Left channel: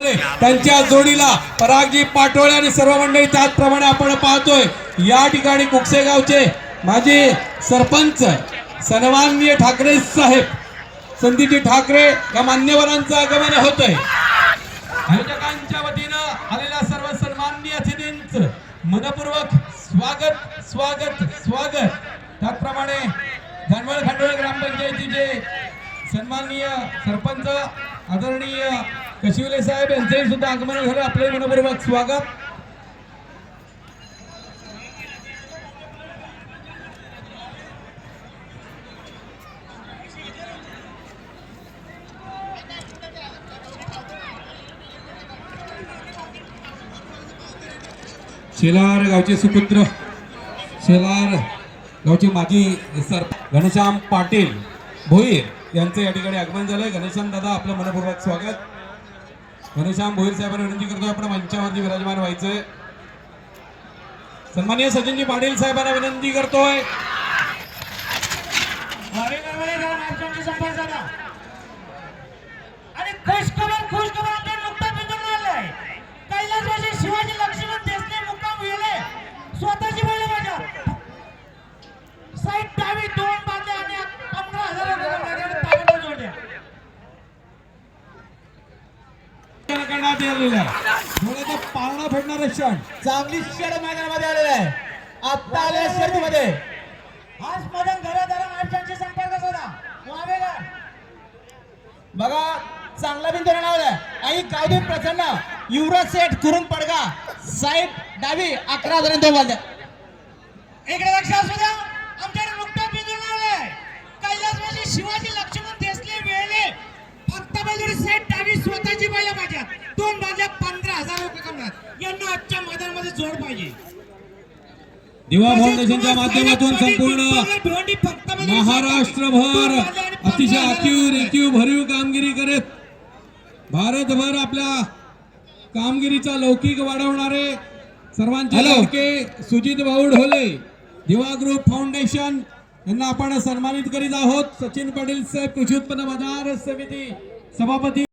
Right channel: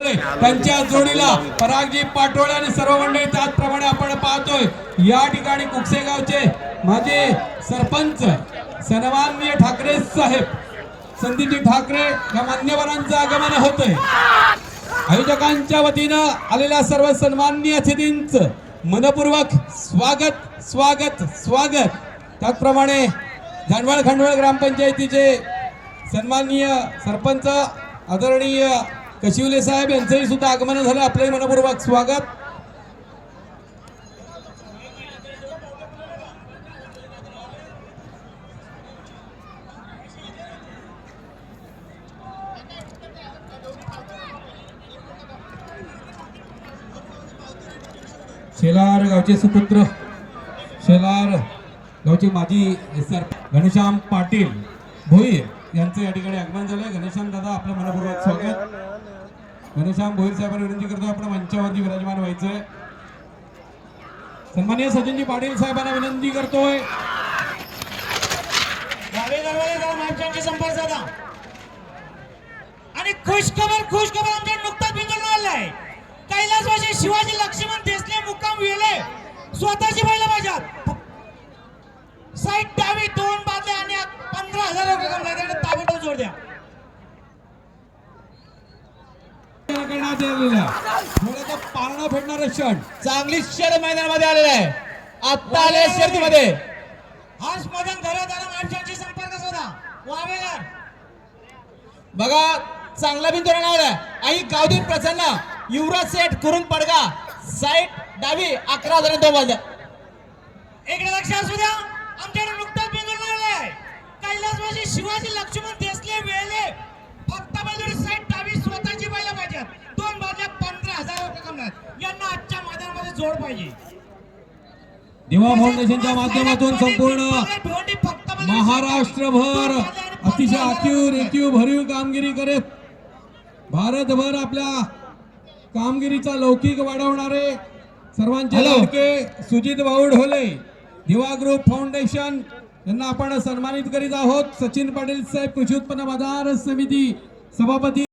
त्यांच्या जोडीला परागजी पाटोळे आणि सर्व मंडळी त्याचप्रमाणे आपण पाहतोय या ठिकाणी कुकसे गावचे माजी सरपंच सन्माननीय ठाकरे साहेब संदीपजी ठाकरे या मान्यवरांचं आगमन होतंय। आयोजकांच्या वतीनं आलेल्या सर्व सन्माननीय अतिथींचं मनपूर्वक स्वागत स्वागत स्वागत। त्याचप्रमाणे जानवळ खंडवळ ग्रामपंचायतीचे सन्माननीय सरपंच आदरणीय कशिवले साहेब यांचंही सुद्धा आगमन झालं, आपले मनपूर्वक स्वागत। शेलार गावचे सुपुत्र शेलार गावचे माजी सरपंच घनश्याम पाटील भोईर यांचं या ठिकाणी आगमन झालंय। घनश्याम दादा आपलं मनपूर्वक स्वागत। घनश्याम भोईर साहेबांना विनंती करतोय आपण मंचावरती विराजमान व्हायचंय। सन्माननीय सचिनजी पाटील साहेबांना विनंती करतोय आणि खुशखबर आमच्या नुकता बिंदू आलाय। कैलासवासी शिवाजी लक्ष्मण देसले मुक्काम वेले स्वतःची बैल बाजार साईड डावी दोन बाजू आणि 15,000 ताबेदार जोड द्या करण्यात आलेला थोडासा पारणं फेडणारे क्षण चांगली शेड मैदानामध्ये आलेला आहे। आता आले शर्यतीमध्ये हाच मदन धरा माणसांशी संपर्क साधा वावेगार बघा चांगला बिंदू रंगावर आहे। आई गावदेव प्रसन्न युवराज सेठ कुरुम पडगा साईड डावी 11,000 वाजल्या। इकडे लक्ष असू द्या आमच्याकडे नुकता बिंदू लागलाय। कैलासवासी शिवाजी लक्ष्मण देसले वेळे फक्त बैलजोडी साईड डावी स्वतःची बैल पाहिजे दोन बाजूला 15,000 रुपये कमणार। यांना आजच्या मैदानामध्ये जोड पाहिजे। दिवा फाउंडेशनच्या माध्यमातून संपूर्ण महाराष्ट्रभर अतिशय आखीव भरीव कामगिरी करत भारतभर आपल्या कामगिरीचा लौकिक वाढवणारे सर्वांचे लाडके सुजित भाऊ ढोले दिवा ग्रुप फाउंडेशन यांना आपण सन्मानित करीत आहोत। सचिन पाटील साहेब कृषी उत्पन्न बाजार समिती सभापती।